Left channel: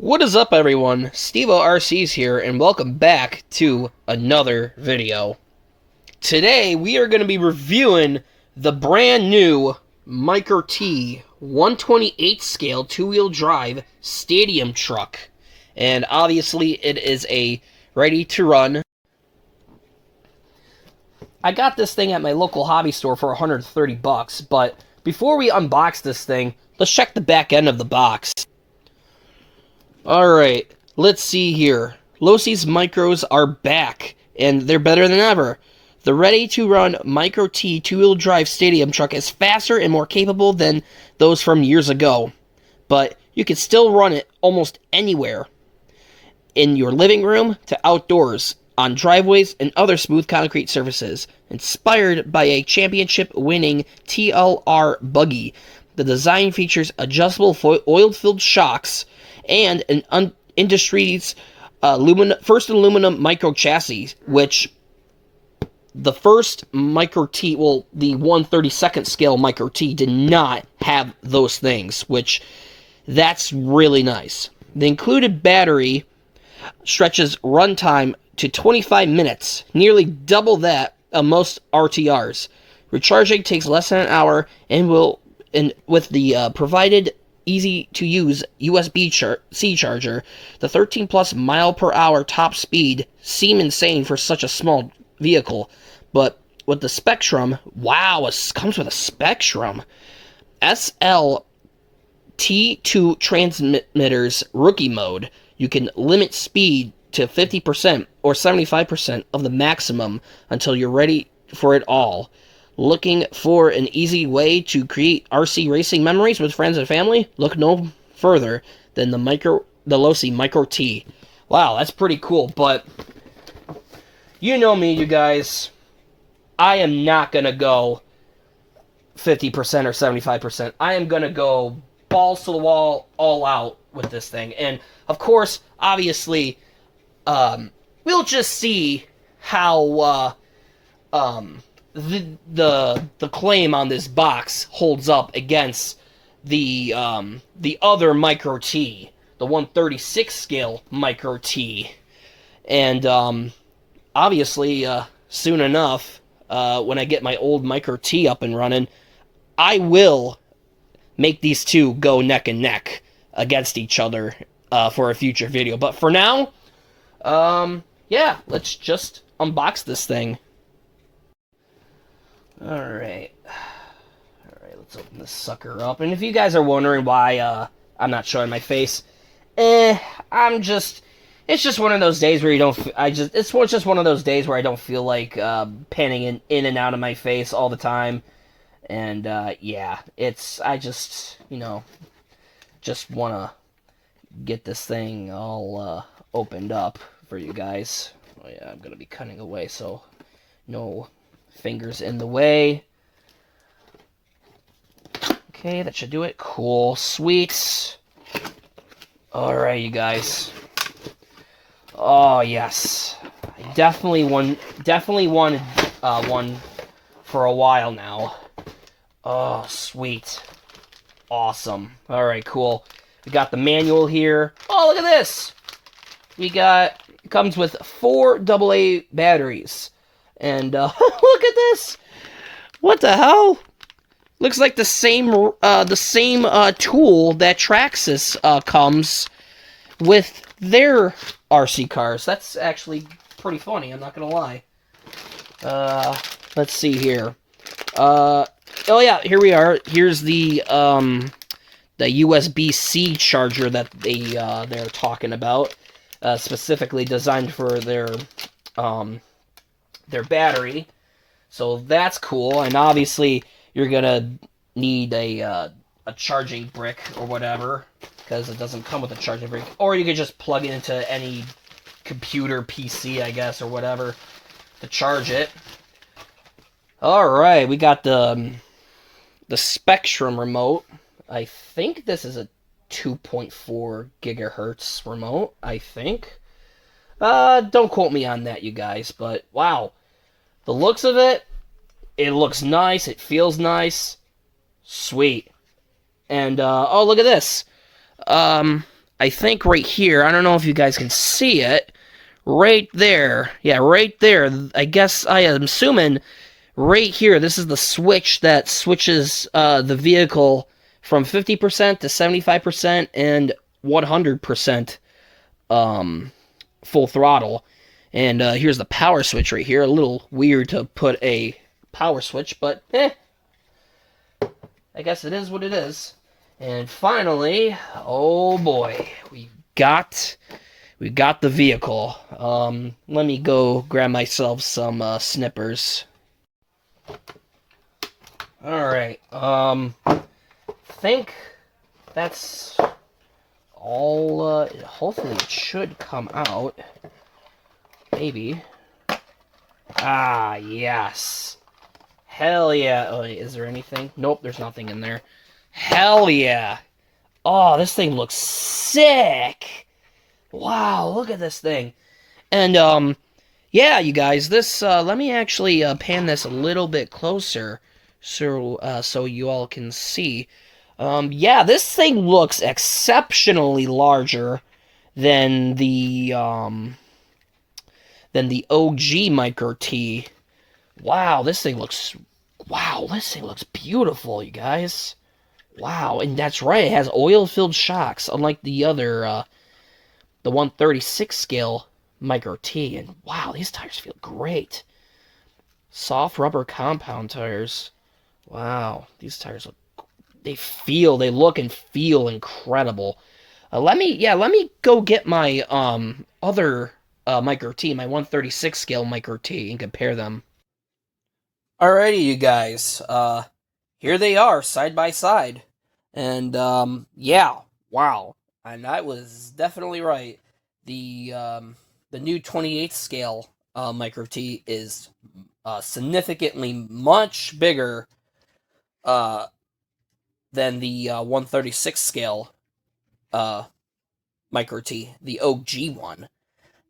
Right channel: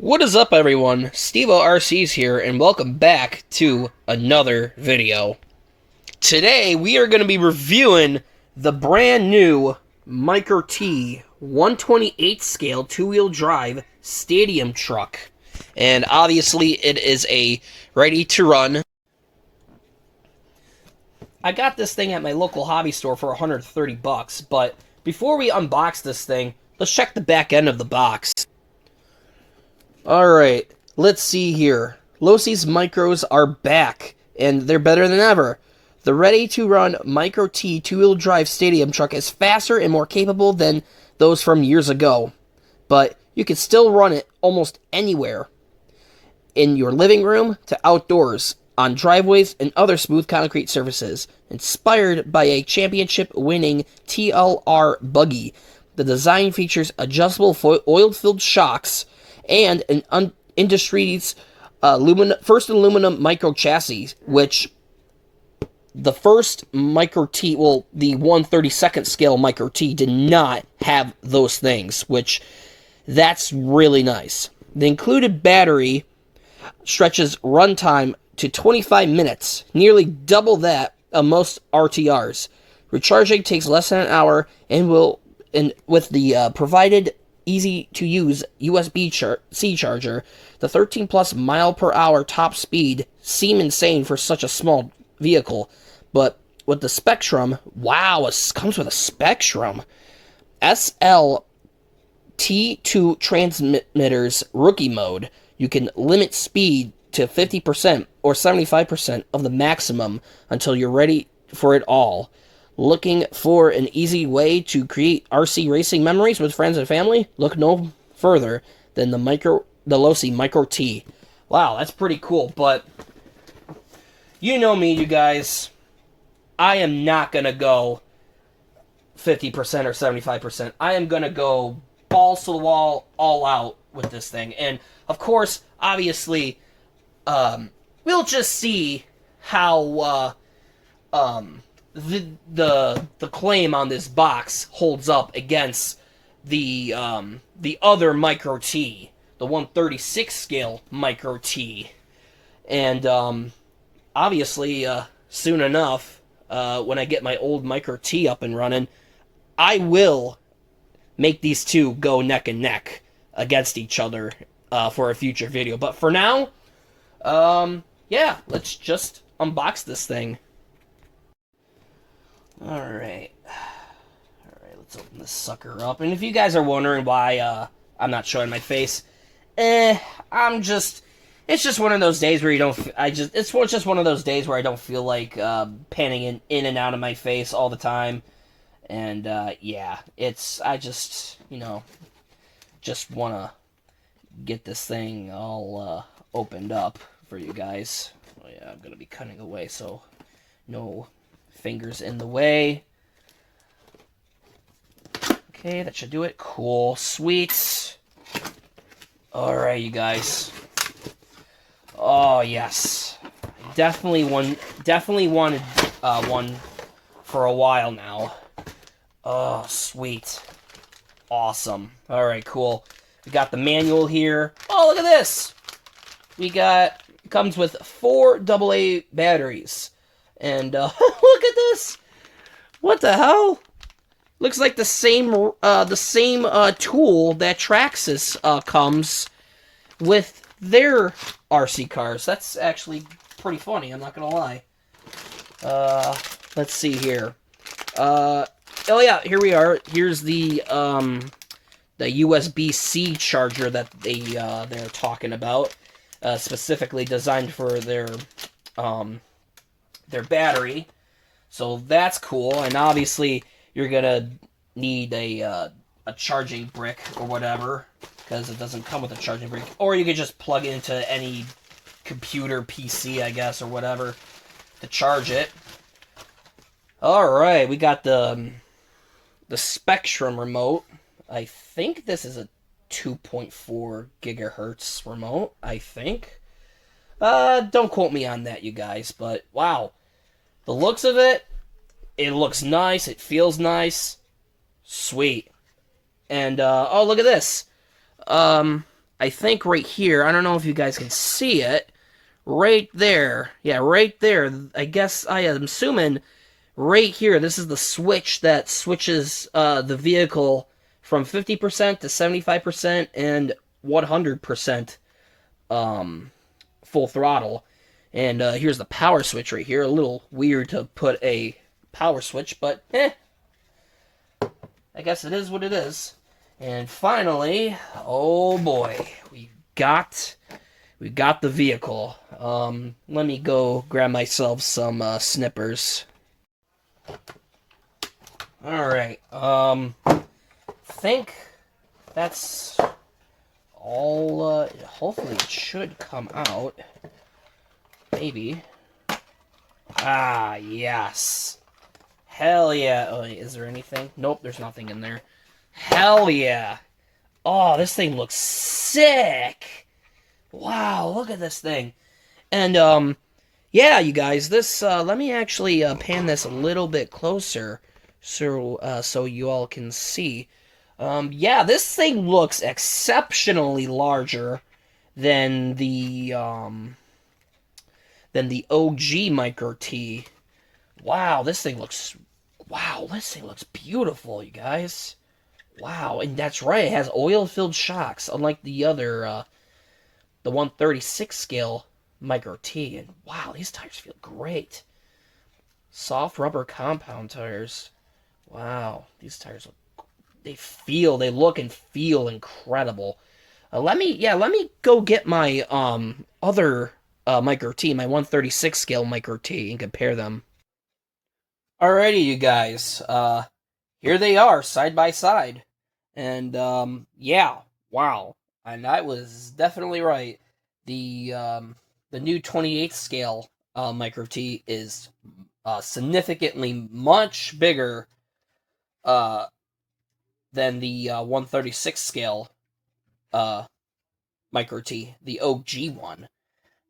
What is up, everyone? Steve-O RC's here, and welcome back to another video. Today, we are going to be reviewing the brand new Micro T 128 scale two-wheel drive stadium truck. And obviously, it is a ready-to-run. I got this thing at my local hobby store for 130 bucks, but before we unbox this thing, let's check the back end of the box. Alright, let's see here. Losi's Micros are back, and they're better than ever. The ready-to-run Micro T two-wheel drive stadium truck is faster and more capable than those from years ago. But you can still run it almost anywhere. In your living room to outdoors, on driveways and other smooth concrete surfaces. Inspired by a championship-winning TLR buggy, the design features adjustable oil-filled shocks and an industry's first aluminum micro chassis, which the first Micro T, well, the 1/32nd scale Micro T did not have those things, which that's really nice. The included battery stretches runtime to 25 minutes, nearly double that of most RTRs. Recharging takes less than an hour and with the provided easy-to-use USB-C charger, the 13-plus mile-per-hour top speed seem insane for such a small vehicle. But with the Spectrum, wow, it comes with a Spectrum. SLT2 transmitters rookie mode, you can limit speed to 50% or 75% of the maximum until you're ready for it all. Looking for an easy way to create RC racing memories with friends and family? Look no further than the Losi Micro T. Wow, that's pretty cool, but you know me, you guys. I am not going to go 50% or 75%. I am going to go balls to the wall, all out with this thing. And, of course, obviously, we'll just see how the claim on this box holds up against the other Micro T, the 1/36 scale Micro T. And obviously, soon enough, when I get my old Micro T up and running, I will make these two go neck and neck against each other for a future video. But for now, yeah, let's just unbox this thing. Alright, let's open this sucker up. And if you guys are wondering why I'm not showing my face, it's just one of those days where it's just one of those days where I don't feel like panning in and out of my face all the time. And yeah, I just want to get this thing all opened up for you guys. Oh yeah, I'm going to be cutting away, so no fingers in the way. Okay, that should do it. Cool. Sweet. Alright, you guys. Oh, yes. I definitely wanted one for a while now. Oh, sweet. Awesome. Alright, cool. We got the manual here. Oh, look at this! It comes with 4 AA batteries. And, look at this! What the hell? Looks like the same tool that Traxxas comes with their RC cars. That's actually pretty funny, I'm not gonna lie. Let's see here. Oh yeah, here we are. Here's the USB-C charger that they're talking about. Specifically designed for their battery, so that's cool. And obviously you're gonna need a charging brick or whatever, because it doesn't come with a charging brick, or you could just plug it into any computer, PC, I guess, or whatever, to charge it. Alright, we got the Spectrum remote. I think this is a 2.4 gigahertz remote, I think. Don't quote me on that, you guys, but wow. The looks of it, it looks nice, it feels nice. Sweet. And, oh, look at this. I think right here, I don't know if you guys can see it, right there. Yeah, right there. I guess I am assuming right here, this is the switch that switches the vehicle from 50% to 75% and 100% um, full throttle. And here's the power switch right here. A little weird to put a power switch, but I guess it is what it is. And finally, oh boy, we got the vehicle. Let me go grab myself some snippers. All right. Think that's all. Hopefully, it should come out. Maybe. Ah, yes. Hell yeah. Oh, wait, is there anything? Nope, there's nothing in there. Hell yeah. Oh, this thing looks sick. Wow, look at this thing. And, yeah, you guys, this, let me actually pan this a little bit closer so you all can see. Yeah, this thing looks exceptionally larger than the OG Micro T. Wow, wow, this thing looks beautiful, you guys. Wow, and that's right, it has oil-filled shocks, unlike the other, the 136 scale Micro T. And wow, these tires feel great. Soft rubber compound tires. Wow, these tires they look and feel incredible. Let me go get my other Micro T, my 136 scale Micro T, and compare them. Alrighty, you guys. Here they are, side by side. And yeah, wow. And I was definitely right. The new 28th scale Micro T is significantly much bigger uh than the 136 scale uh Micro T, the OG one.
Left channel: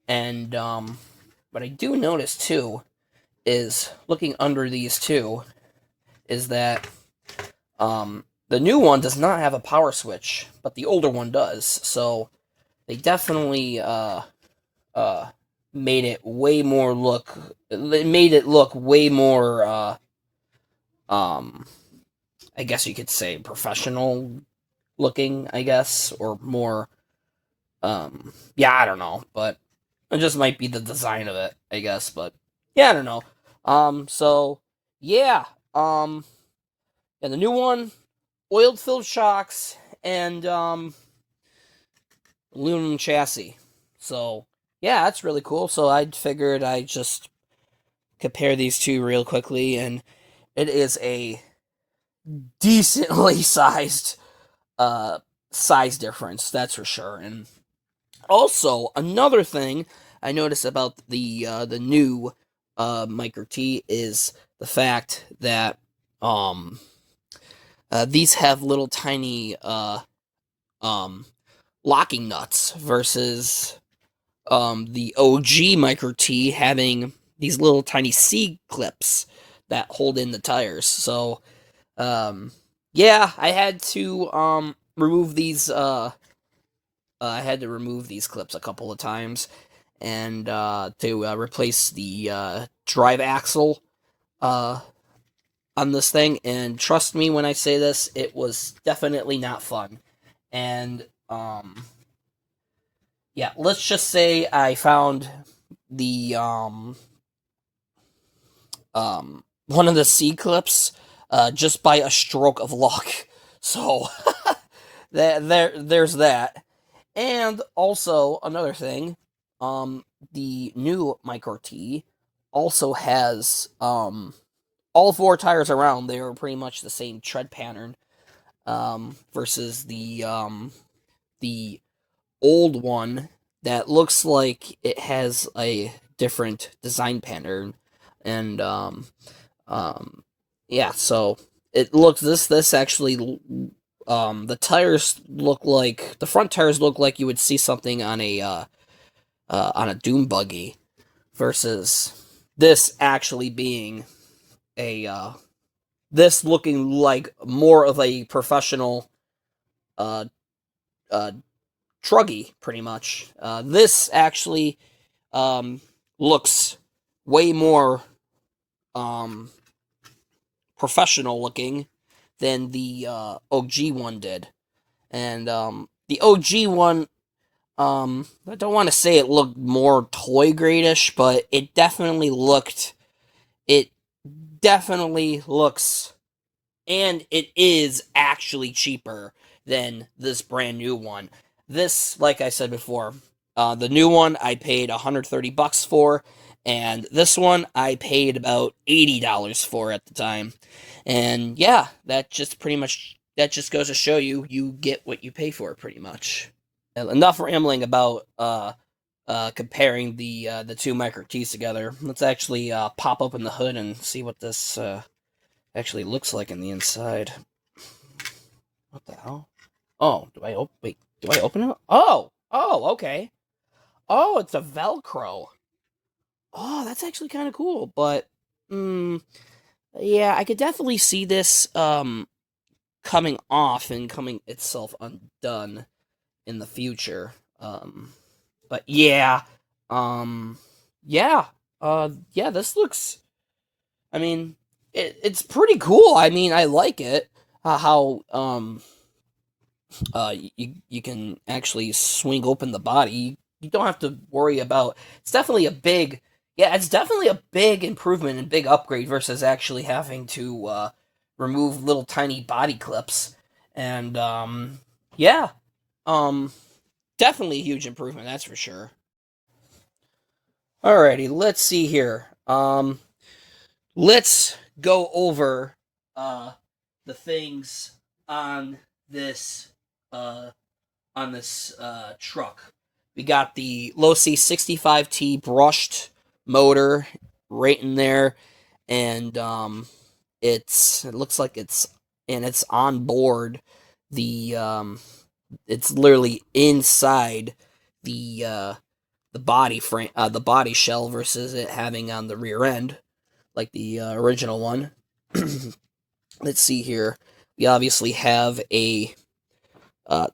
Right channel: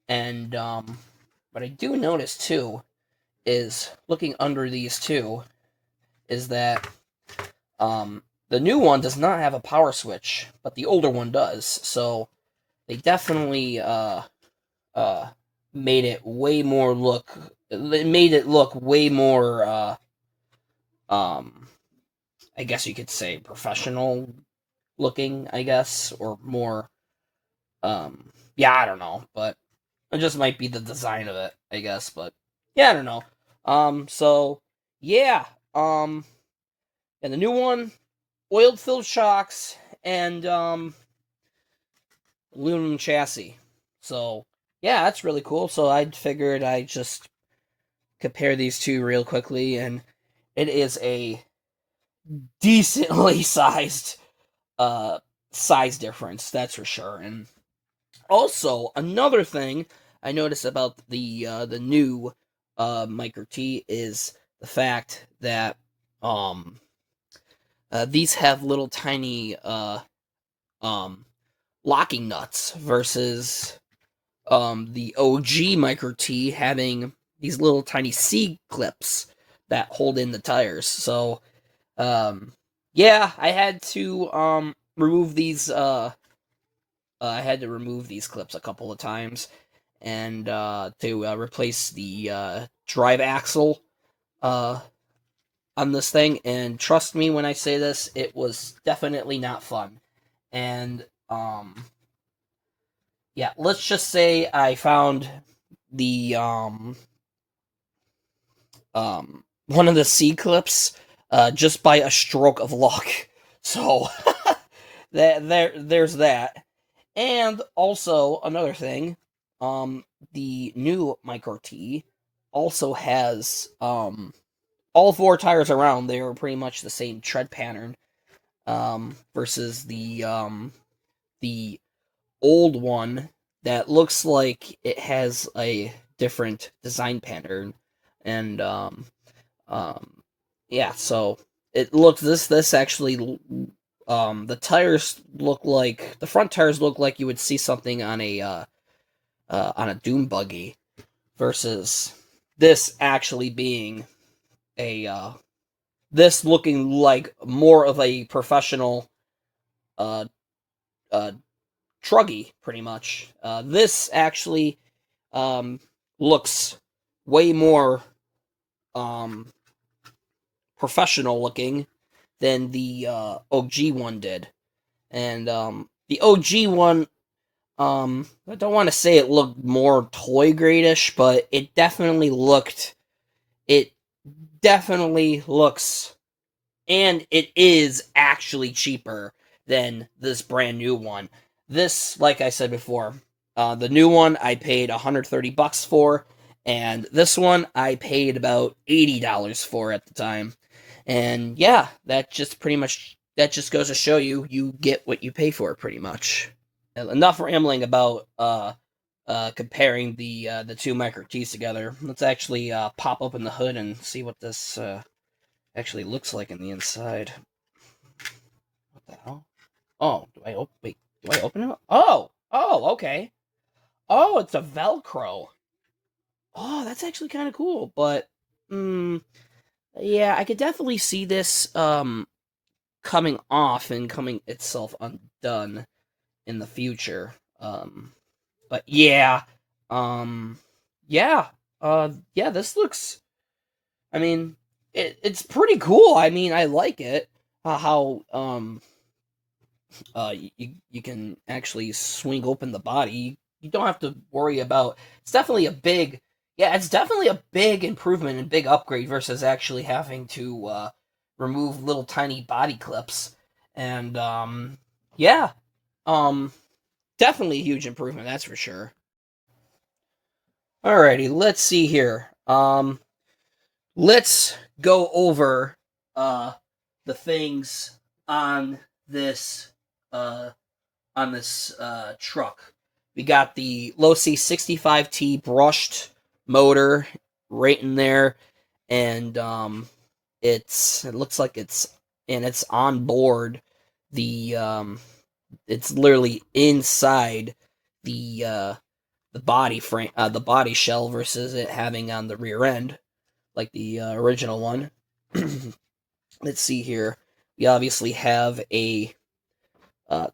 And what I do notice too is looking under these two is that the new one does not have a power switch, but the older one does. So they definitely uh made it way more look. It made it look way more um I guess you could say professional looking, I guess, or more yeah, I don't know, but it just might be the design of it, I guess, but yeah, I don't know. So yeah, and the new one, oiled filled shocks and aluminum chassis. So yeah, that's really cool. So I figured I'd just compare these two real quickly, and it is a decently sized uh size difference, that's for sure. And also another thing I noticed about the new Micro T is the fact that these have little tiny um locking nuts versus the OG Micro T having these little tiny C clips that hold in the tires. So yeah, I had to remove these I had to remove these clips a couple of times and to replace the drive axle uh on this thing. And trust me when I say this, it was definitely not fun. And yeah, let's just say I found the one of the C clips just by a stroke of luck. So there's that. And also another thing, the new Micro T also has all four tires around. They are pretty much the same tread pattern versus the old one that looks like it has a different design pattern. And um yeah, so it looks this actually the tires look like the front tires look like you would see something on a dune buggy versus this actually being a this looking like more of a professional uh uh truggy, pretty much. This actually um, looks way more um, professional looking than the OG one did. And the OG one, I don't want to say it looked more toy gradish, but it definitely looks, and it is actually cheaper than this brand new one. This, like I said before, the new one I paid $130 for, and this one I paid about $80 for at the time. And yeah, that just goes to show you you get what you pay for pretty much. Enough rambling about comparing the two micro keys together. Let's actually pop open the hood and see what this actually looks like in the inside. What the hell? Oh, do I open it? Oh, okay. Oh, it's a Velcro. Oh, that's actually kind of cool, but yeah, I could definitely see this coming off and coming itself undone in the future. But yeah, um, yeah, yeah, this looks. I mean, it's pretty cool. I mean, I like it. How you can actually swing open the body. You don't have to worry about. It's definitely a big. Yeah, it's definitely a big improvement and big upgrade versus actually having to remove little tiny body clips. And yeah, um, definitely a huge improvement. That's for sure. Alrighty, let's see here. Let's go over uh the things on this uh truck. We got the Losi 65T brushed motor right in there, and it looks like it's on board the it's literally inside the body frame, the body shell, versus it having on the rear end like the original one. Let's see here. We obviously have a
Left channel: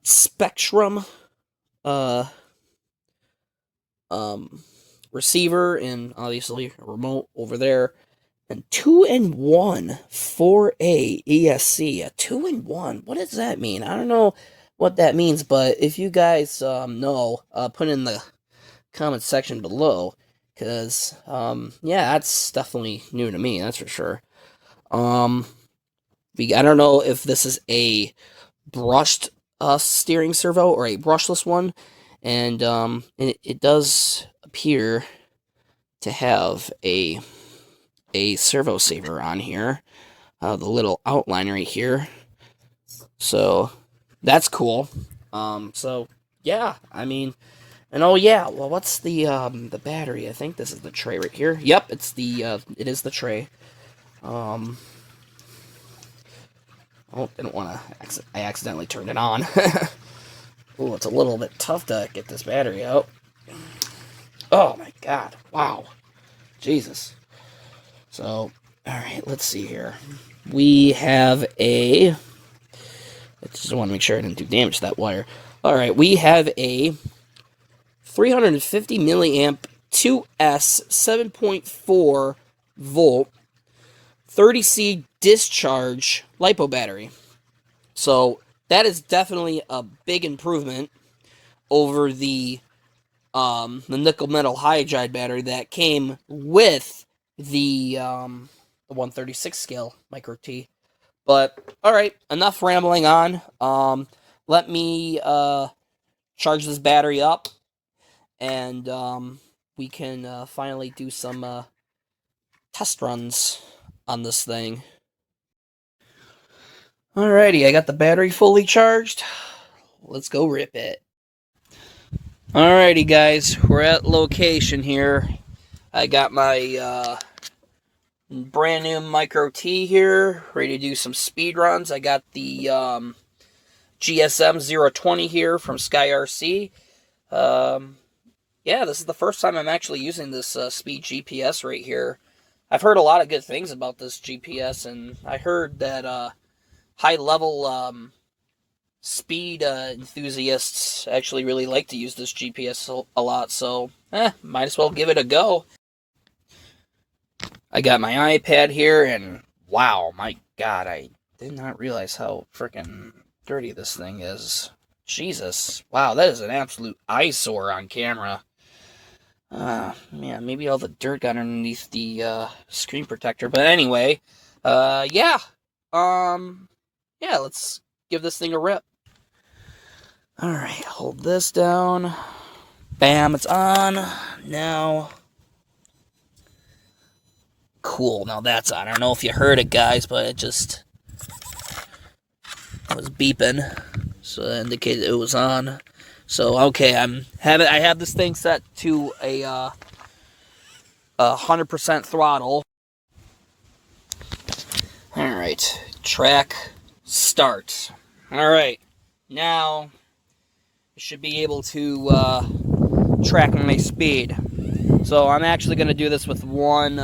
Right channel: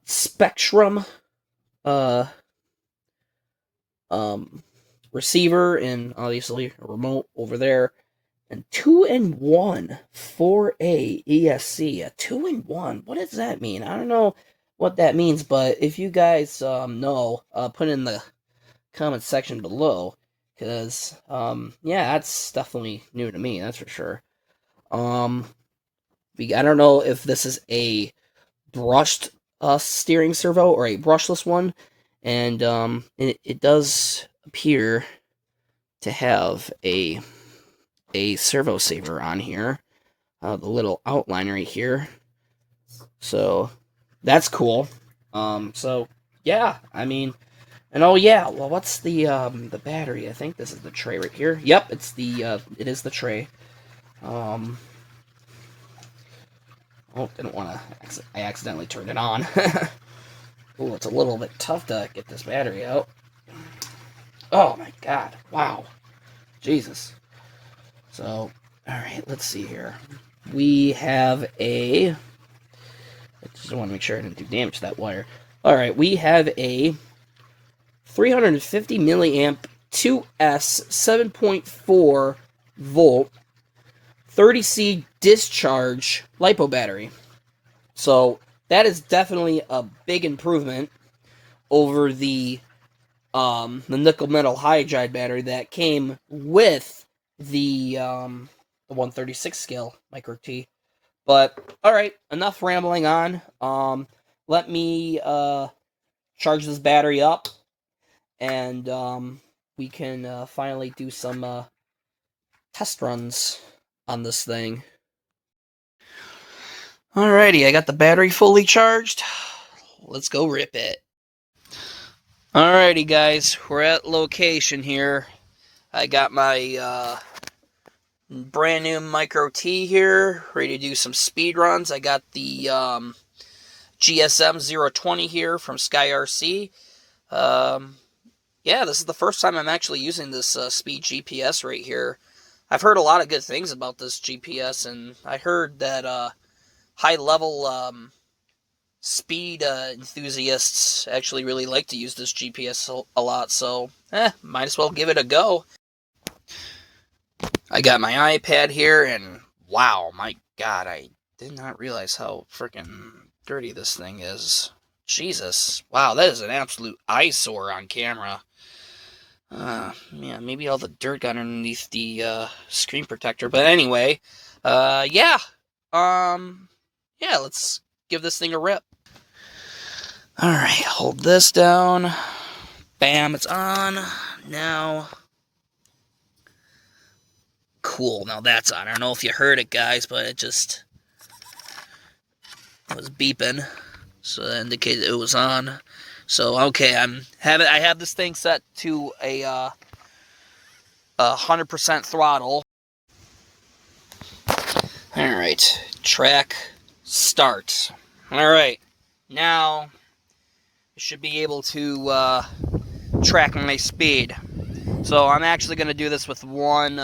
Spectrum uh, um, receiver, and obviously a remote over there. And 2-in-1 4A ESC. A 2-in-1. What does that mean? I don't know what that means, but if you guys know, put in the comment section below, because yeah, that's definitely new to me, that's for sure. um I don't know if this is a brushed steering servo or a brushless one, and it does appear to have a servo saver on here, the little outline right here, so that's cool. So yeah, I mean, and oh yeah, well, what's the battery? I think this is the tray right here. Yep, it is the tray. Um, oh, didn't want to. I accidentally turned it on. Oh, it's a little bit tough to get this battery out. Oh my god! Wow, Jesus. So, all right, let's see here. We have a. I just want to make sure I didn't do damage to that wire. All right, we have a 350 milliamp 2S 7.4 volt 30C discharge LiPo battery. So that is definitely a big improvement over the nickel metal hydride battery that came with the 136 scale micro T. But all right, enough rambling on. Let me charge this battery up, and we can finally do some test runs on this thing. Alrighty, I got the battery fully charged. Let's go rip it. Alrighty, guys, we're at location here. I got my brand new Micro T here, ready to do some speed runs. I got the GSM 020 here from Sky RC. Yeah, this is the first time I'm actually using this speed GPS right here. I've heard a lot of good things about this GPS, and I heard that high level speed enthusiasts actually really like to use this GPS a lot, so might as well give it a go. I got my iPad here, and wow, my God, I did not realize how freaking dirty this thing is. Jesus, wow, that is an absolute eyesore on camera. Yeah, maybe all the dirt got underneath the screen protector, but anyway, yeah, let's give this thing a rip. All right, hold this down. Bam, it's on. Now, cool, now that's on. I don't know if you heard it, guys, but it was beeping, so that indicated it was on. So, okay, I have this thing set to a 100% throttle. All right, track start. All right, now I should be able to track my speed. So I'm actually going to do this with one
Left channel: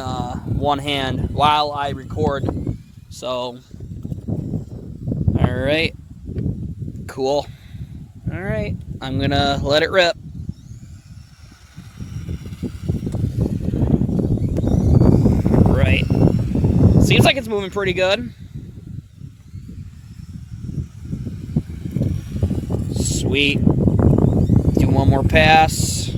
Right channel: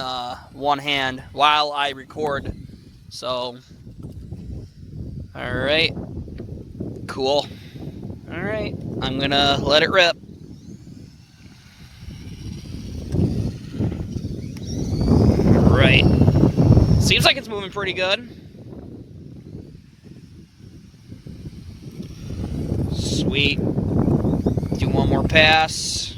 hand while I record. So, all right, cool. All right, I'm going to let it rip. All right, seems like it's moving pretty good. Sweet. Do one more pass.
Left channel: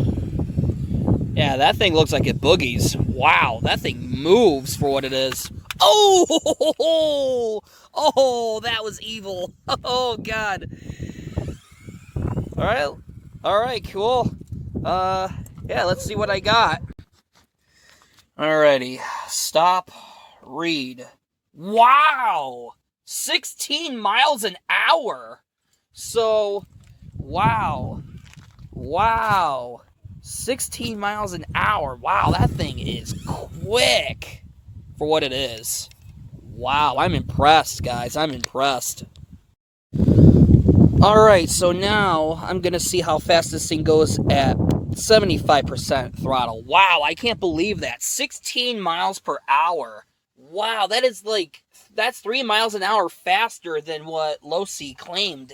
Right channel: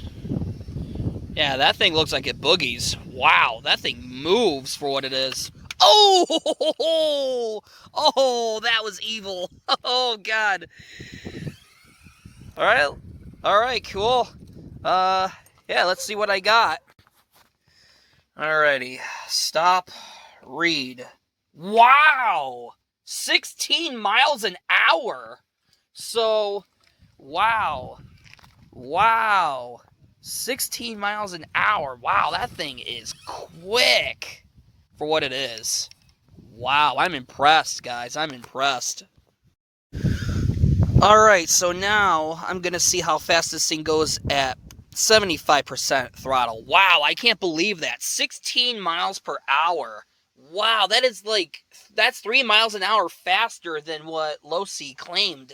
Yeah, that thing looks like it boogies. Wow, that thing moves for what it is. Oh, that was evil. Oh, God. All right, cool. Yeah, let's see what I got. Alrighty, stop, read. Wow, 16 miles an hour. So, wow, 16 miles an hour. Wow, that thing is quick for what it is. Wow, I'm impressed, guys. I'm impressed. Alright, so now I'm going to see how fast this thing goes at 75% throttle. Wow, I can't believe that. 16 miles per hour. Wow, that's 3 miles an hour faster than what Losi claimed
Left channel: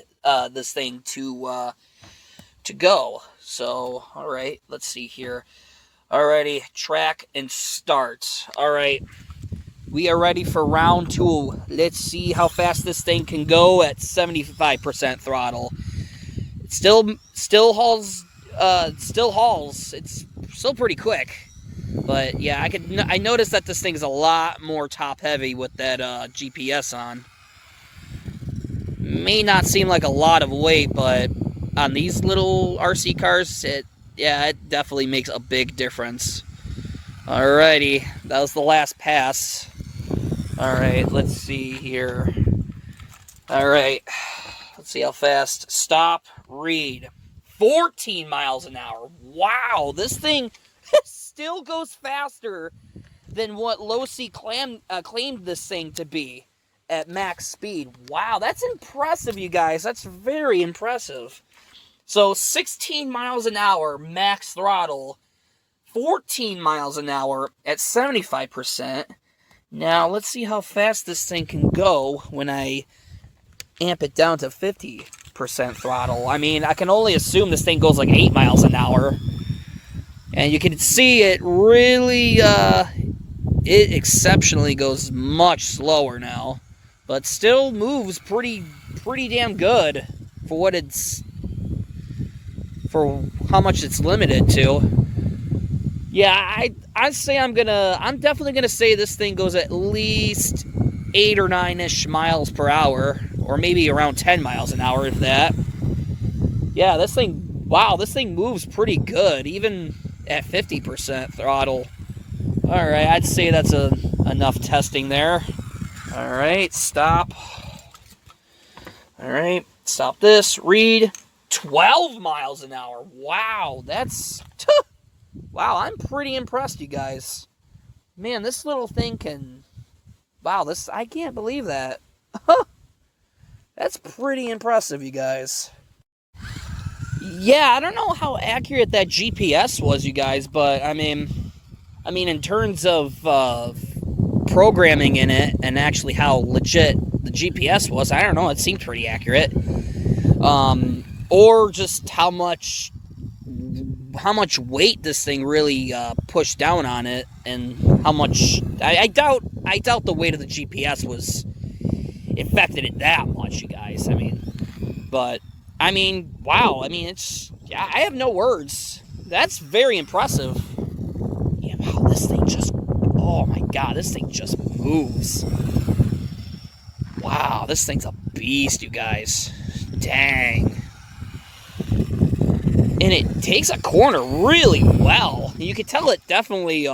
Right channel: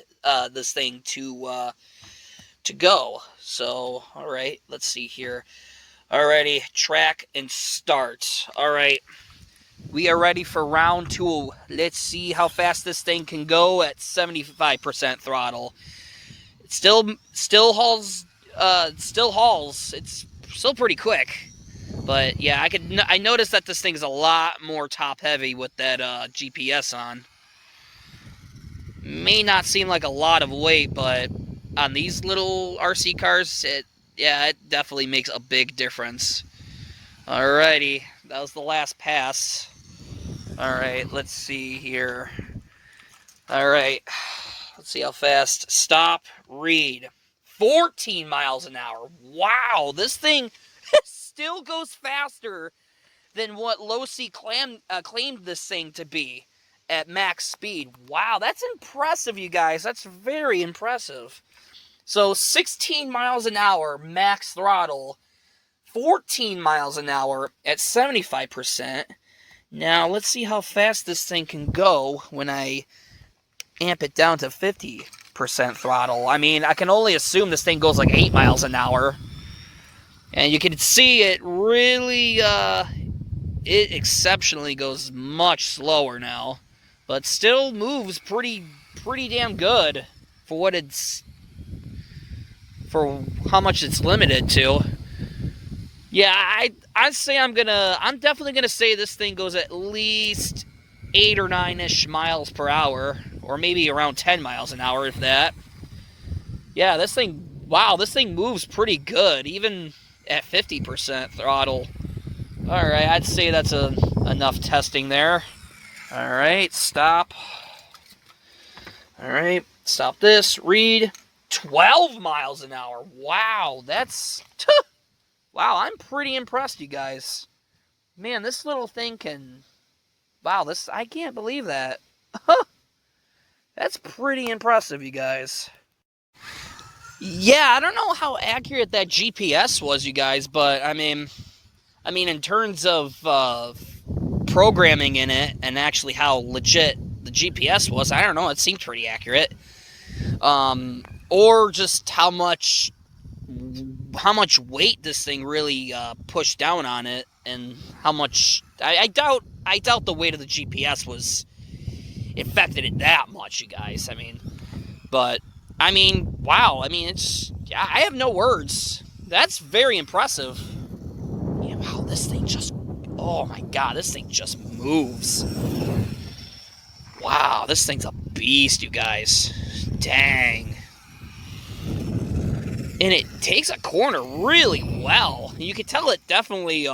this thing to go. So, all right, let's see here. Alrighty, track and start. All right, we are ready for round 2. Let's see how fast this thing can go at 75% throttle. It still hauls. It's still pretty quick, but yeah, I noticed that this thing is a lot more top heavy with that GPS on. May not seem like a lot of weight, but on these little RC cars, it definitely makes a big difference. Alrighty, that was the last pass. Alright, let's see here. Alright, let's see how fast. Stop, read. 14 miles an hour. Wow, this thing still goes faster than what Losi claimed this thing to be at max speed. Wow, that's impressive, you guys. That's very impressive. So 16 miles an hour max throttle, 14 miles an hour at 75%. Now, let's see how fast this thing can go when I amp it down to 50% throttle. I mean, I can only assume this thing goes like 8 miles an hour. And you can see it really, it exceptionally goes much slower now. But still moves pretty damn good for how much it's limited to. Yeah, I'd say I'm definitely gonna say this thing goes at least 8 or 9-ish miles per hour, or maybe around 10 miles an hour, if that. Yeah, this thing moves pretty good, even at 50% throttle. All right, I'd say that's enough testing there. All right, stop. All right, stop this. Read. 12 miles an hour. Wow, wow, I'm pretty impressed, you guys. Man, this little thing can... Wow, I can't believe that. That's pretty impressive, you guys. Yeah, I don't know how accurate that GPS was, you guys, but I mean, in terms of programming in it and actually how legit the GPS was, I don't know, it seemed pretty accurate. or just how much weight this thing really pushed down on it, and how much I doubt the weight of the GPS was affected it that much, you guys. I mean, but I mean, wow. I mean, it's I have no words. That's very impressive. Yeah, wow, this thing just, oh my god, this thing just moves. Wow, this thing's a beast, you guys. Dang. And it takes a corner really well. You can tell it definitely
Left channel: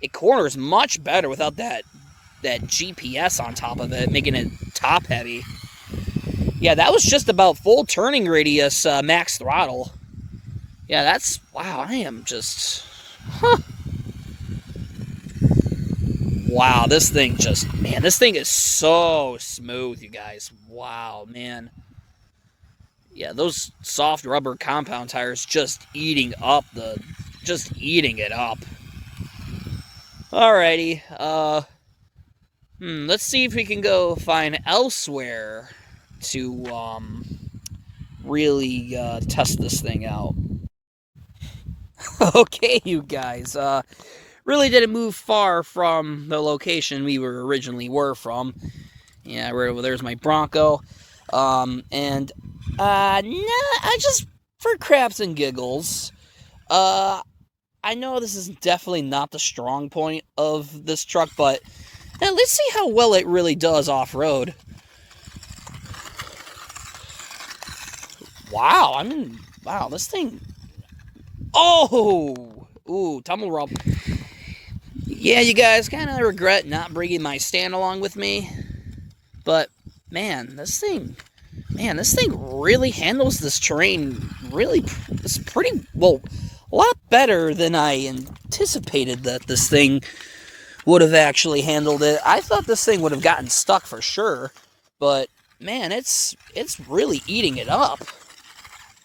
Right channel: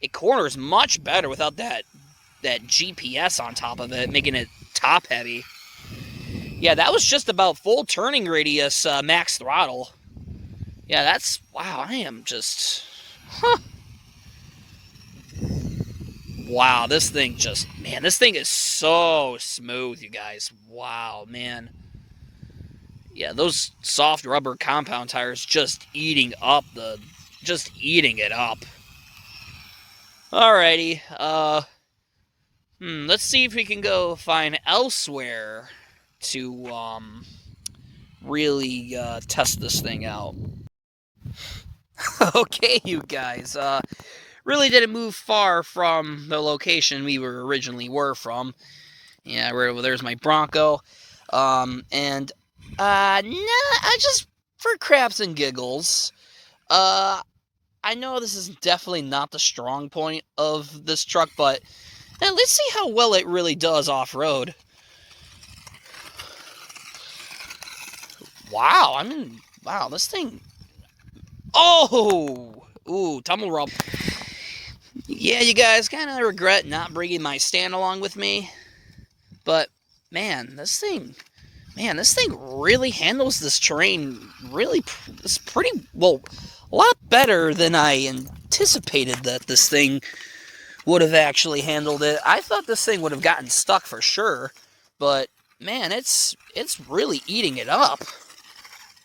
it corners much better without that GPS on top of it, making it top heavy. Yeah, that was just about full turning radius, max throttle. Yeah, that's, wow, I am just, huh. Wow, this thing just, man, this thing is so smooth, you guys. Wow, man. Yeah, those soft rubber compound tires just eating it up. Alrighty, let's see if we can go find elsewhere to, really, test this thing out. Okay, you guys, really didn't move far from the location we were from. Yeah, there's my Bronco. And, I just, for craps and giggles, I know this is definitely not the strong point of this truck, but let's see how well it really does off-road. Wow, wow, this thing, oh, ooh, tumble rub. Yeah, you guys, kind of regret not bringing my stand along with me, but, man, this thing really handles this terrain really, it's pretty, well, a lot better than I anticipated that this thing would have actually handled it. I thought this thing would have gotten stuck for sure, but, man, it's really eating it up.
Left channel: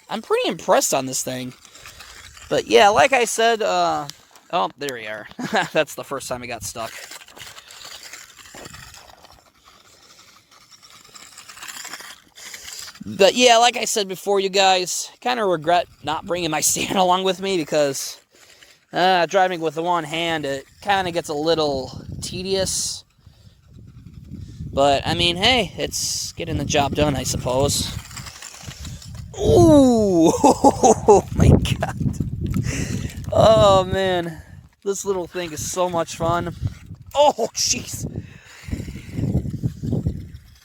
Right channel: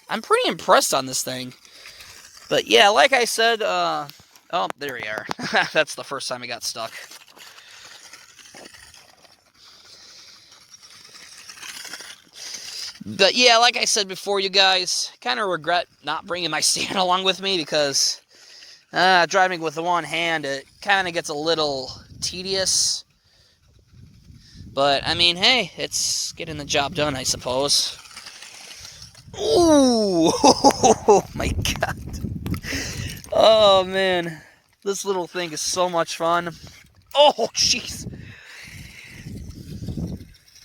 I'm pretty impressed on this thing. But, yeah, like I said, oh, there we are. That's the first time it got stuck. But yeah, like I said before, you guys, kind of regret not bringing my stand along with me because driving with the one hand, it kind of gets a little tedious. But, I mean, hey, it's getting the job done, I suppose. Ooh, oh my god. Oh, man. This little thing is so much fun. Oh, jeez.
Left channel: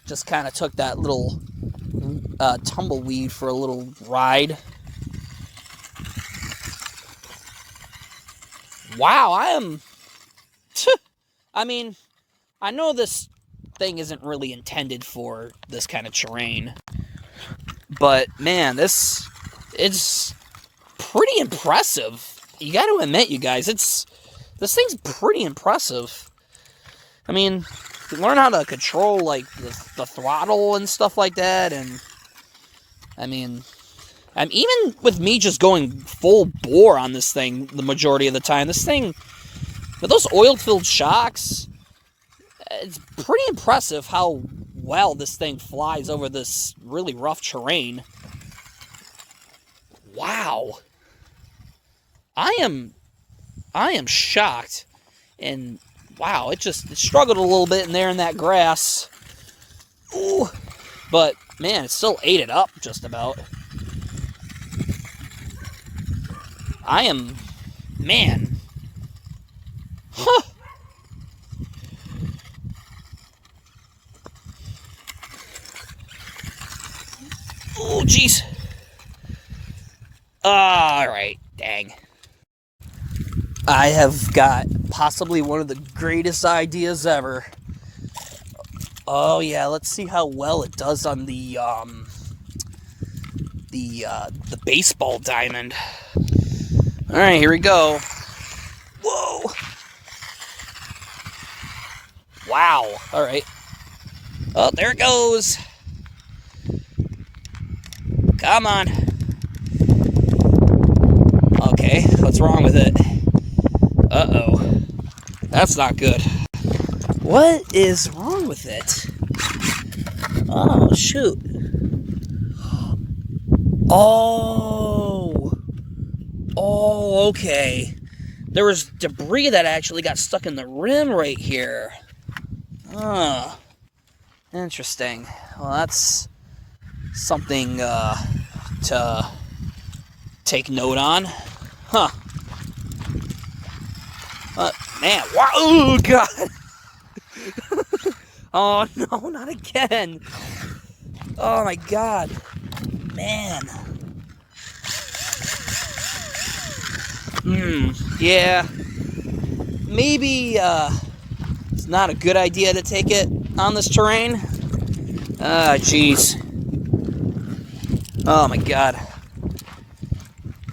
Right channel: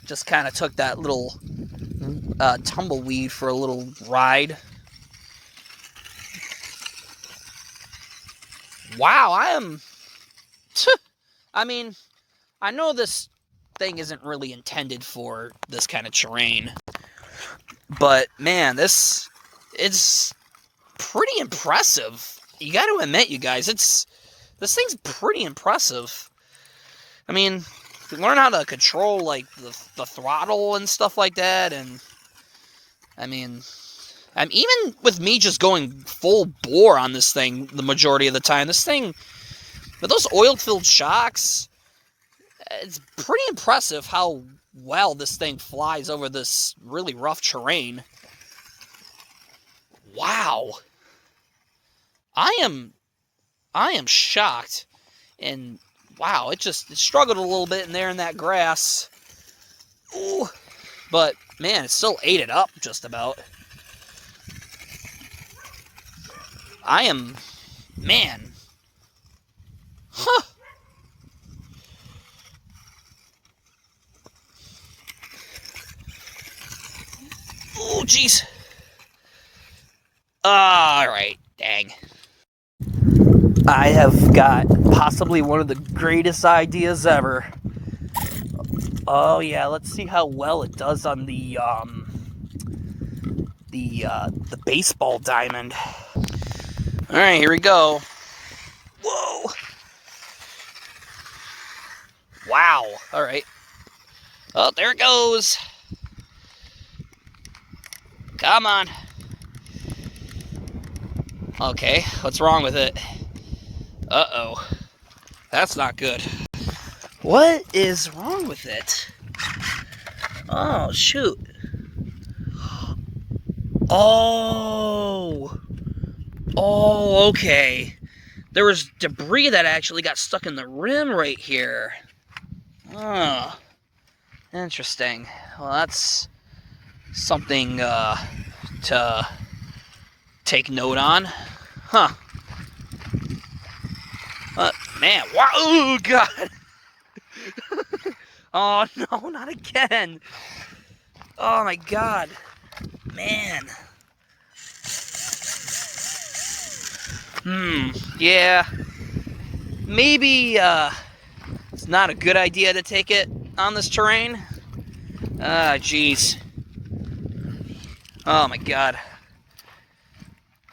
Just kind of took that little tumbleweed for a little ride. Wow, I mean, I know this thing isn't really intended for this kind of terrain, but man, it's pretty impressive. You got to admit, you guys, this thing's pretty impressive. I mean, to learn how to control, like, the throttle and stuff like that, and, I mean, even with me just going full bore on this thing the majority of the time, this thing, with those oil-filled shocks, it's pretty impressive how well this thing flies over this really rough terrain. Wow. I am shocked, and wow, it struggled a little bit in there in that grass. Ooh, but man, it still ate it up just about. Man. Huh. Oh, jeez. Alright, dang. I have got possibly one of the greatest ideas ever. Oh yeah, let's see how well it does on the baseball diamond. Alright, here we go. Whoa! Wow, alright. Oh, there it goes. Come on. Okay, what's wrong with it? Uh-oh. That's not good. What is wrong with it? Oh, shoot. Oh! Oh, okay. There was debris that actually got stuck in the rim right here. Oh, interesting. Well, that's something to take note on. Huh. Man, wow, oh, God. Oh, no, not again. Oh, my God. Man. Yeah. Maybe, it's not a good idea to take it on this terrain. Ah, jeez. Oh, my God.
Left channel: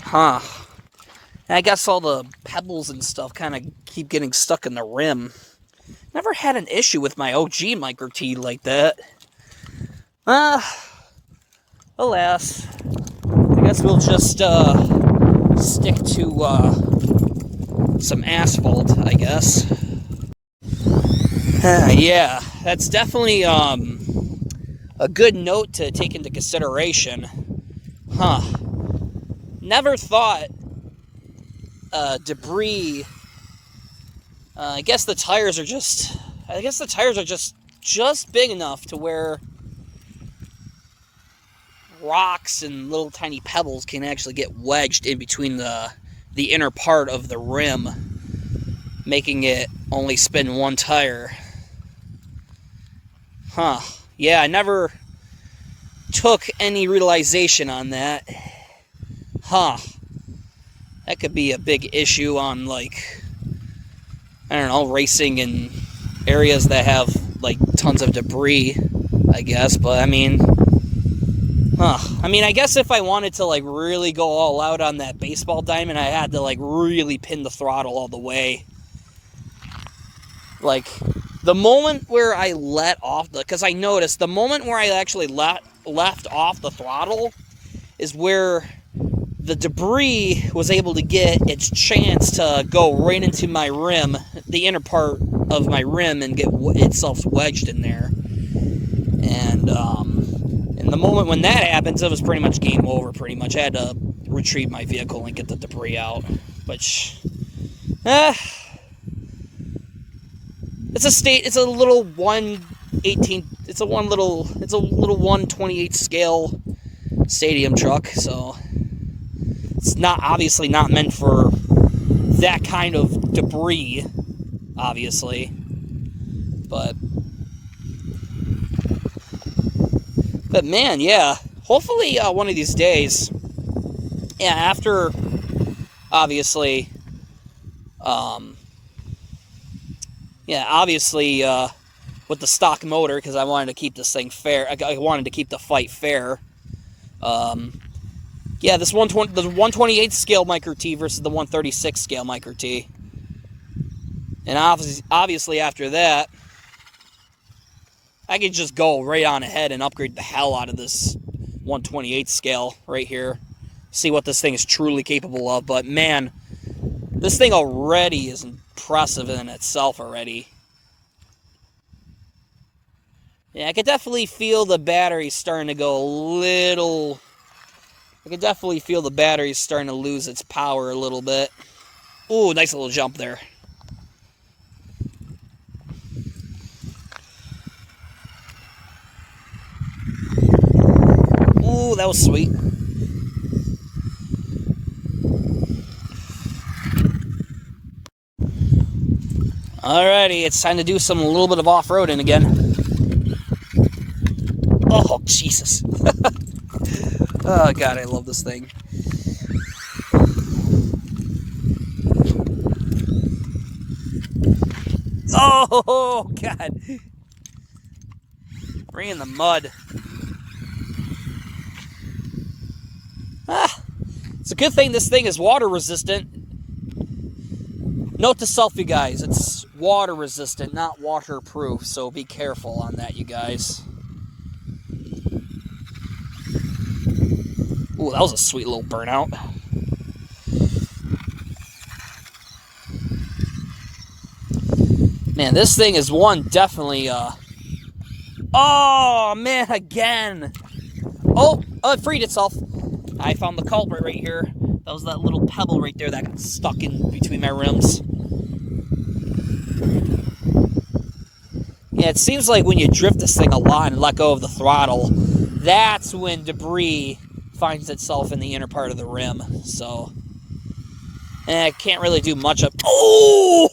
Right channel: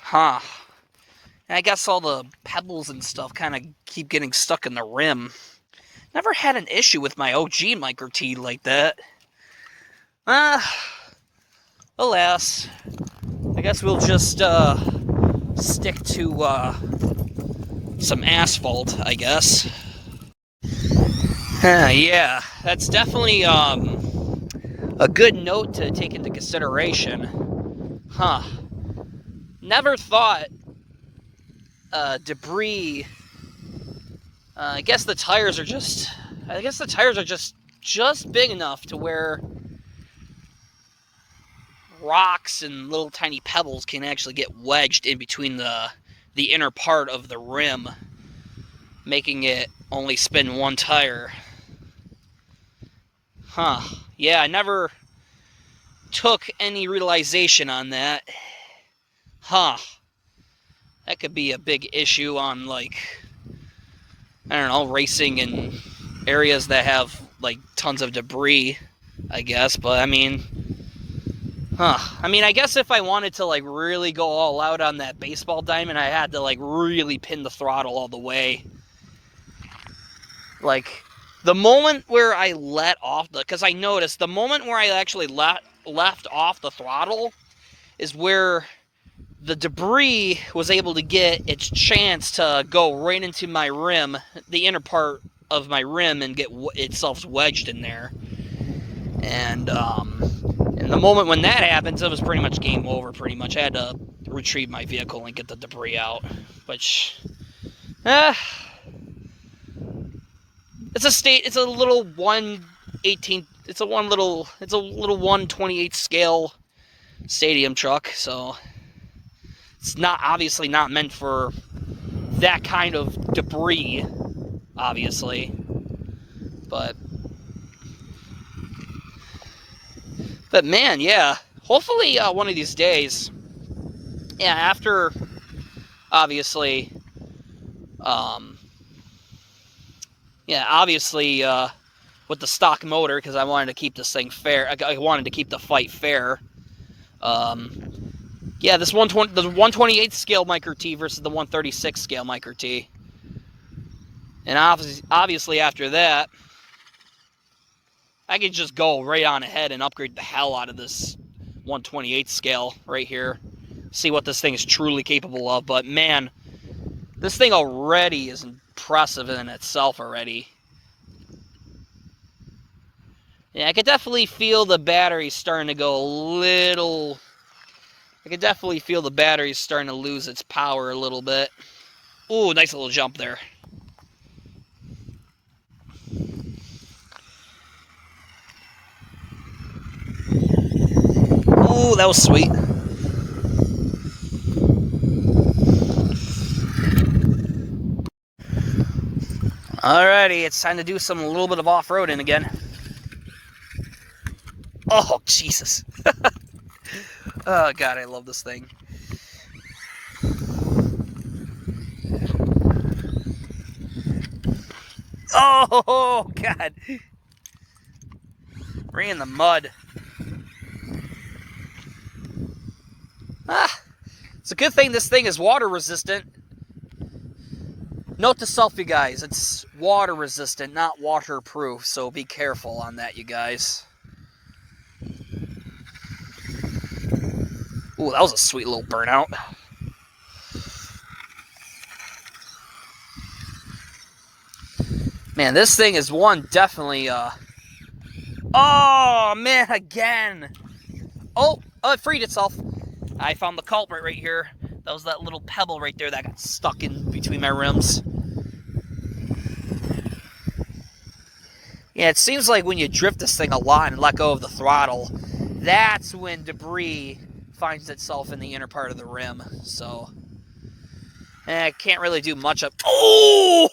Huh. I guess all the pebbles and stuff kind of keep getting stuck in the rim. Never had an issue with my OG Micro T like that. Alas. I guess we'll just stick to some asphalt, I guess. Yeah, that's definitely a good note to take into consideration. Huh. Never thought debris. I guess the tires are just big enough to where rocks and little tiny pebbles can actually get wedged in between the inner part of the rim, making it only spin one tire. Huh. Yeah, I never took any realization on that. Huh. That could be a big issue on, like, I don't know, racing in areas that have, like, tons of debris, I guess. But, I mean, I guess if I wanted to, like, really go all out on that baseball diamond, I had to, like, really pin the throttle all the way. Like, the moment where I let off because I noticed the moment where I actually left off the throttle is where the debris was able to get its chance to go right into my rim, the inner part of my rim, and get itself wedged in there. And the moment when that happens, it was pretty much game over, pretty much. I had to retrieve my vehicle and get the debris out, which, it's a little 1/18, it's a little 1/28 scale stadium truck, so it's obviously not meant for that kind of debris, obviously. But man, yeah. Hopefully, one of these days, yeah, after, obviously, with the stock motor, because I wanted to keep this thing fair. I wanted to keep the fight fair. Yeah, the 128 scale Micro T versus the 136 scale Micro T. And obviously after that, I could just go right on ahead and upgrade the hell out of this 128 scale right here. See what this thing is truly capable of. But man, this thing already is impressive in itself already. Yeah, I could definitely feel the battery starting to go a little... I can definitely feel the battery's starting to lose its power a little bit. Ooh, nice little jump there. Ooh, that was sweet. Alrighty, it's time to do a little bit of off-roading again. Oh, Jesus. Oh, God, I love this thing. Oh, God. Right in the mud. It's a good thing this thing is water resistant. Note to self, you guys, it's water resistant, not waterproof, so be careful on that, you guys. Ooh, that was a sweet little burnout. Man, this thing is definitely, oh, man, again. Oh, it freed itself. I found the culprit right here. That was that little pebble right there that got stuck in between my rims. Yeah, it seems like when you drift this thing a lot and let go of the throttle, that's when debris finds itself in the inner part of the rim. So, I can't really do much of... Oh!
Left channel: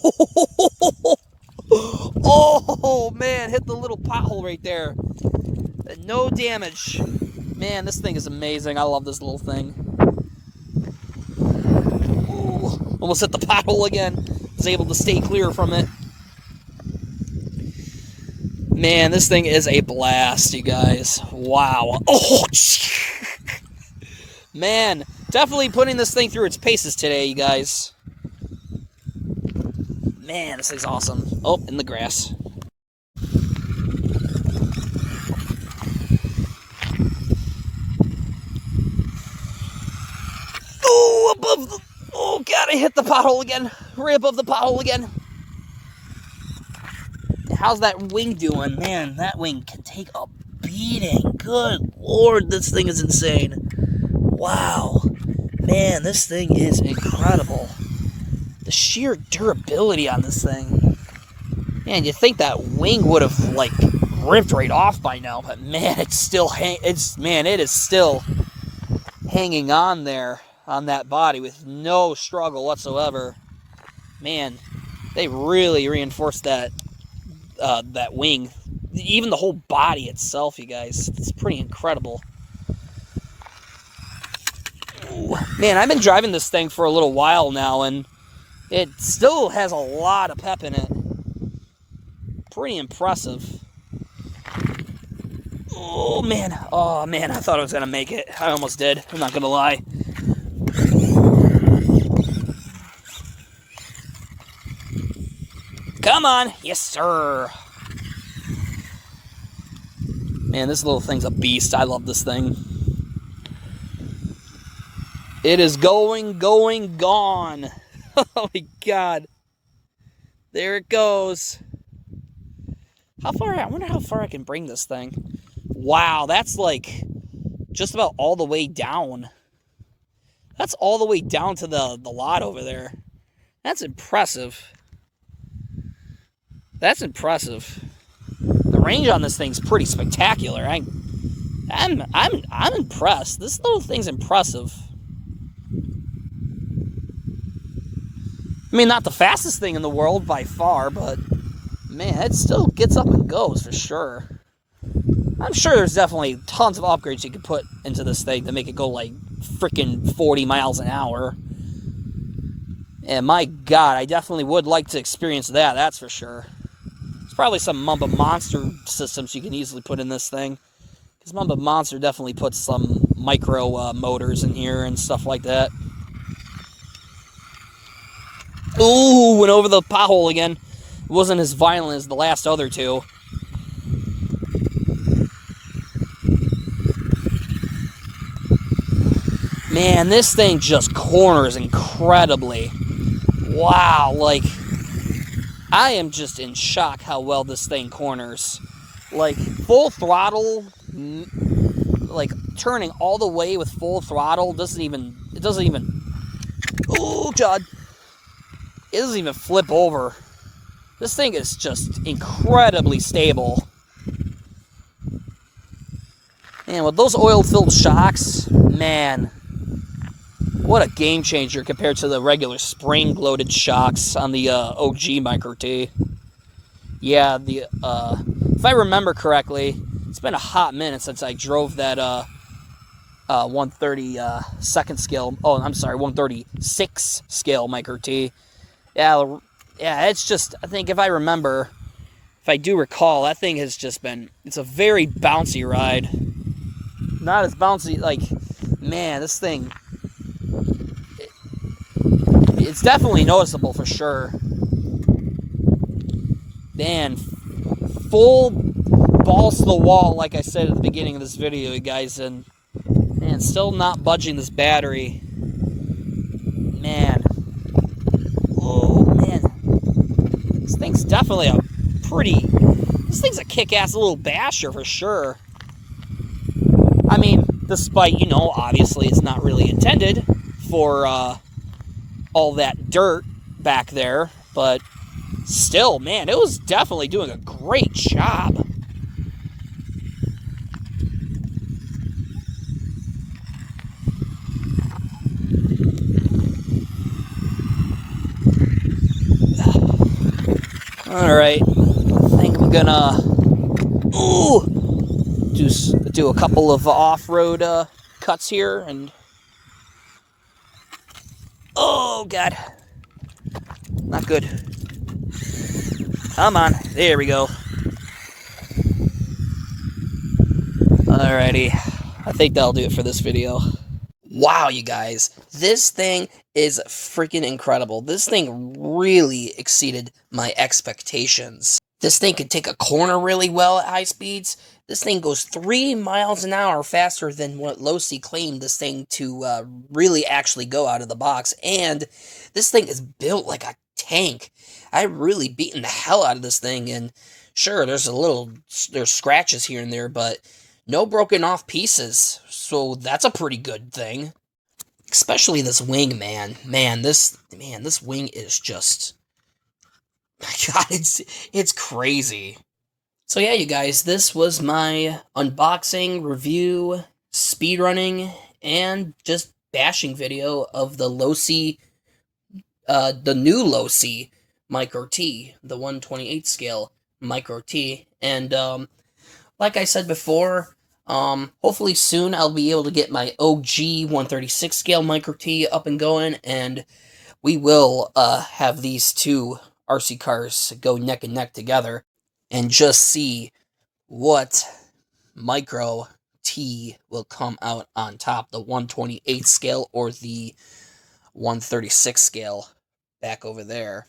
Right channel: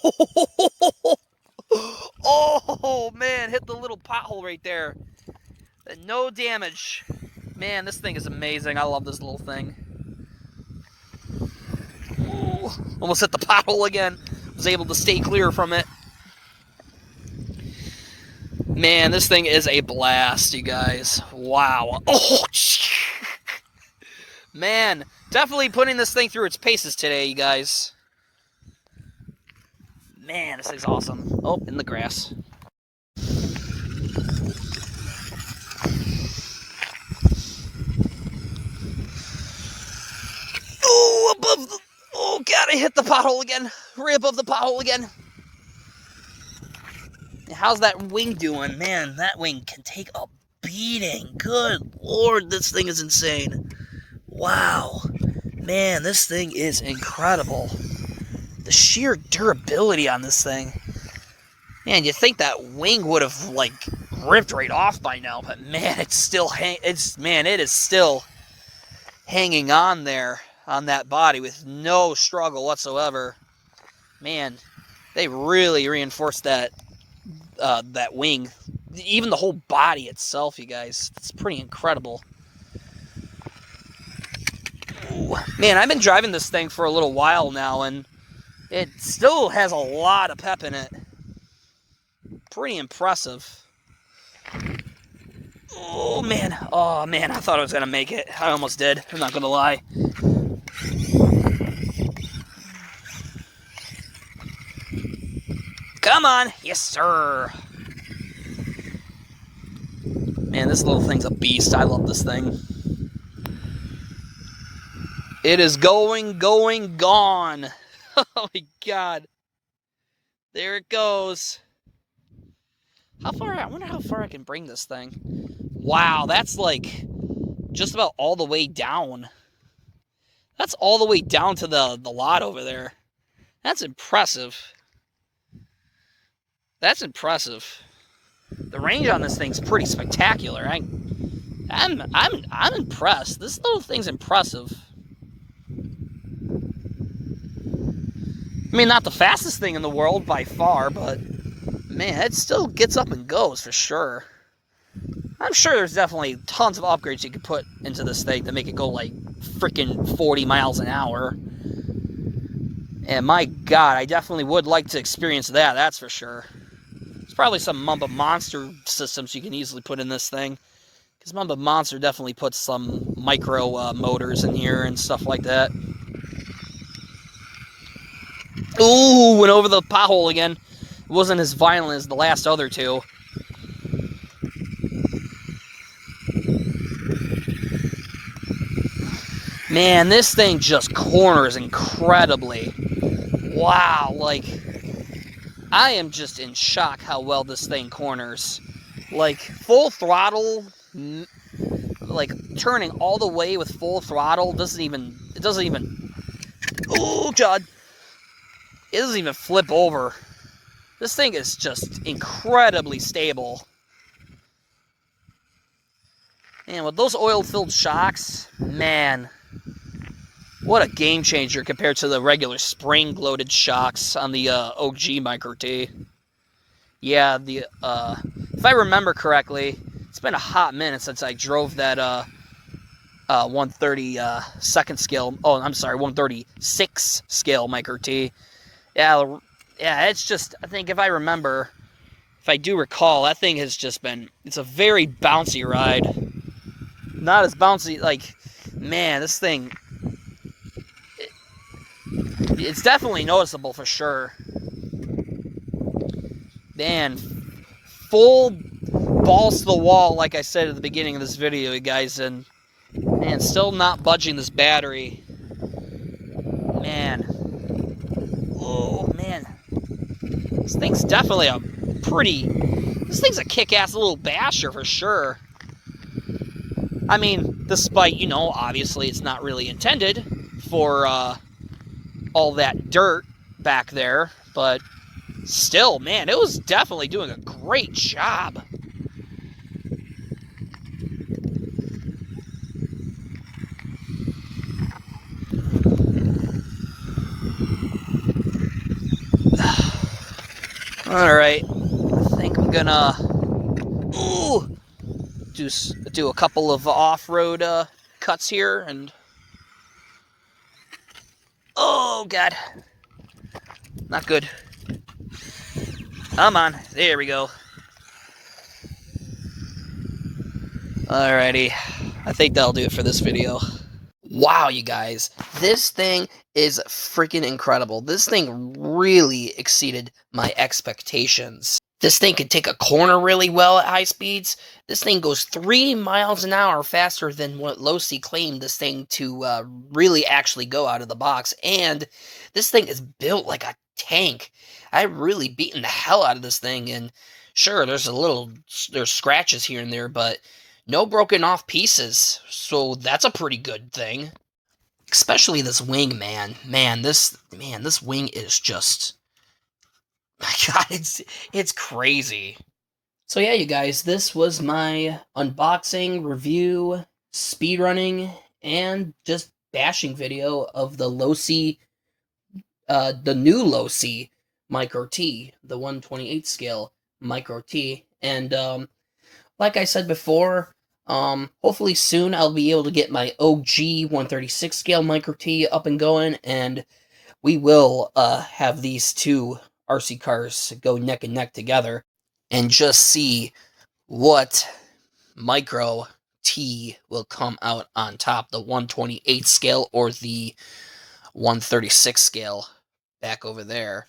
Oh, man, hit the little pothole right there. No damage. Man, this thing is amazing. I love this little thing. Ooh, almost hit the pothole again. Was able to stay clear from it. Man, this thing is a blast, you guys. Wow. Oh, man, definitely putting this thing through its paces today, you guys. Man, this thing's awesome. Oh, in the grass. Oh, above the... Oh, God, I hit the pothole again. Right above the pothole again. How's that wing doing? Man, that wing can take a beating. Good Lord, this thing is insane. Wow. Man, this thing is incredible. The sheer durability on this thing. Man, you'd think that wing would have, like, ripped right off by now, but man, it's still it is still hanging on there on that body with no struggle whatsoever. Man, they really reinforced that that wing. Even the whole body itself, you guys. It's pretty incredible. Ooh. Man, I've been driving this thing for a little while now, and it still has a lot of pep in it. Pretty impressive. Oh, man. Oh, man, I thought I was going to make it. I almost did. I'm not going to lie. Come on. Yes, sir. Man, this little thing's a beast. I love this thing. It is going, gone. Oh, my God. There it goes. How far? I wonder how far I can bring this thing. Wow, that's like just about all the way down. That's all the way down to the lot over there. That's impressive. That's impressive. The range on this thing's pretty spectacular. I'm impressed. This little thing's impressive. I mean, not the fastest thing in the world by far, but man, it still gets up and goes for sure. I'm sure there's definitely tons of upgrades you could put into this thing to make it go like freaking 40 miles an hour. And my God, I definitely would like to experience that, that's for sure. There's probably some Mamba Monster systems you can easily put in this thing. Because Mamba Monster definitely puts some micro motors in here and stuff like that. Ooh, went over the pothole again. It wasn't as violent as the last other two. Man, this thing just corners incredibly. Wow, like, I am just in shock how well this thing corners. Like, full throttle, like, turning all the way with full throttle it doesn't even, oh, God. It doesn't even flip over. This thing is just incredibly stable. And with those oil-filled shocks, man, what a game changer compared to the regular spring-loaded shocks on the OG Micro T. Yeah, if I remember correctly, it's been a hot minute since I drove that 130 second scale. Oh, I'm sorry, 136 scale Micro T. Yeah, it's just, I think if I remember, if I do recall, that thing has just been, it's a very bouncy ride. Not as bouncy, like, man, this thing, it's definitely noticeable for sure. Man, full balls to the wall, like I said at the beginning of this video, you guys, and man, still not budging this battery. Man. Oh, man. This thing's definitely this thing's a kick-ass little basher for sure. I mean, Despite, you know, obviously it's not really intended for all that dirt back there, but still, man, it was definitely doing a great job. All right, I think I'm gonna do a couple of off-road cuts here, and oh god, not good. Come on, there we go. Alrighty, I think that'll do it for this video. Wow, you guys, this thing is freaking incredible. This thing really exceeded my expectations. This thing can take a corner really well at high speeds. This thing goes 3 miles an hour faster than what Losi claimed this thing to really actually go out of the box. And this thing is built like a tank. I've really beaten the hell out of this thing. And sure, there's scratches here and there, but no broken off pieces. So that's a pretty good thing. Especially this wing, man. This wing is just, my god, it's crazy. So yeah, you guys, this was my unboxing, review, speedrunning, and just bashing video of the Losi, the new Losi Micro T, the 1/28 scale Micro T. And like I said before, hopefully soon I'll be able to get my OG 136 scale Micro T up and going, and we will have these two RC cars go neck and neck together and just see what Micro T will come out on top, the 1/28 scale or the 136 scale back over there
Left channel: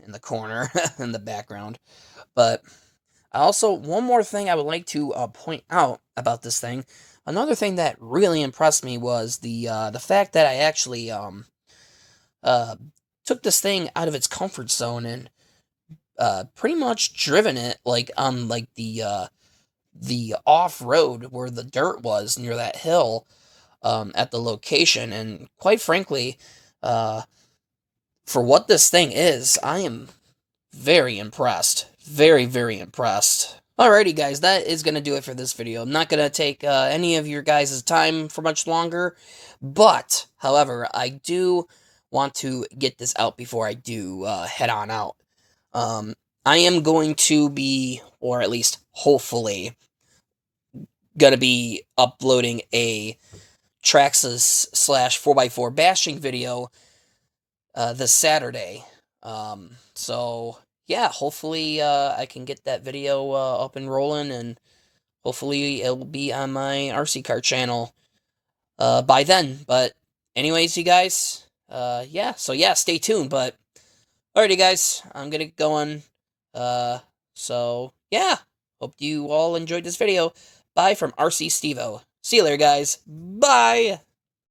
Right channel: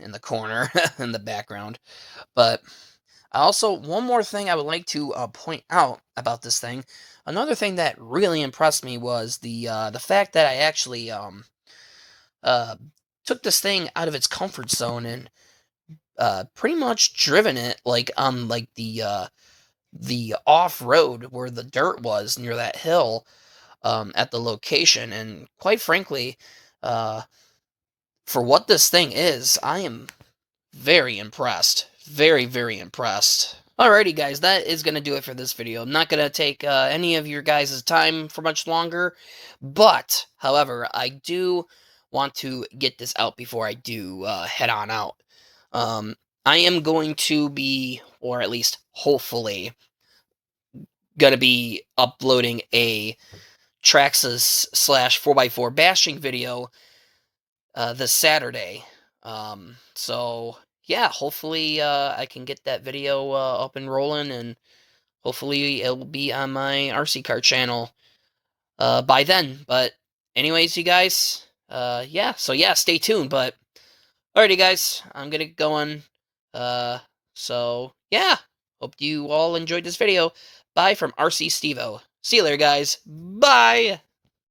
in the corner in the background. But also, one more thing I would like to point out about this thing. Another thing that really impressed me was the fact that I actually uh, took this thing out of its comfort zone and pretty much driven it like on like the off road where the dirt was near that hill at the location. And quite frankly, uh, for what this thing is, I am very impressed. Very, very impressed. Alrighty, guys, that is going to do it for this video. I'm not going to take any of your guys' time for much longer, but, however, I do want to get this out before I do head on out. I am going to be, or at least hopefully, going to be uploading a Traxxas slash 4x4 bashing video this Saturday. So yeah, hopefully I can get that video up and rolling, and hopefully it'll be on my RC car channel by then. But anyways, you guys, yeah, so yeah, stay tuned. But alrighty, guys, I'm gonna get going. So yeah, hope you all enjoyed this video. Bye from RC Stevo. See you later, guys. Bye.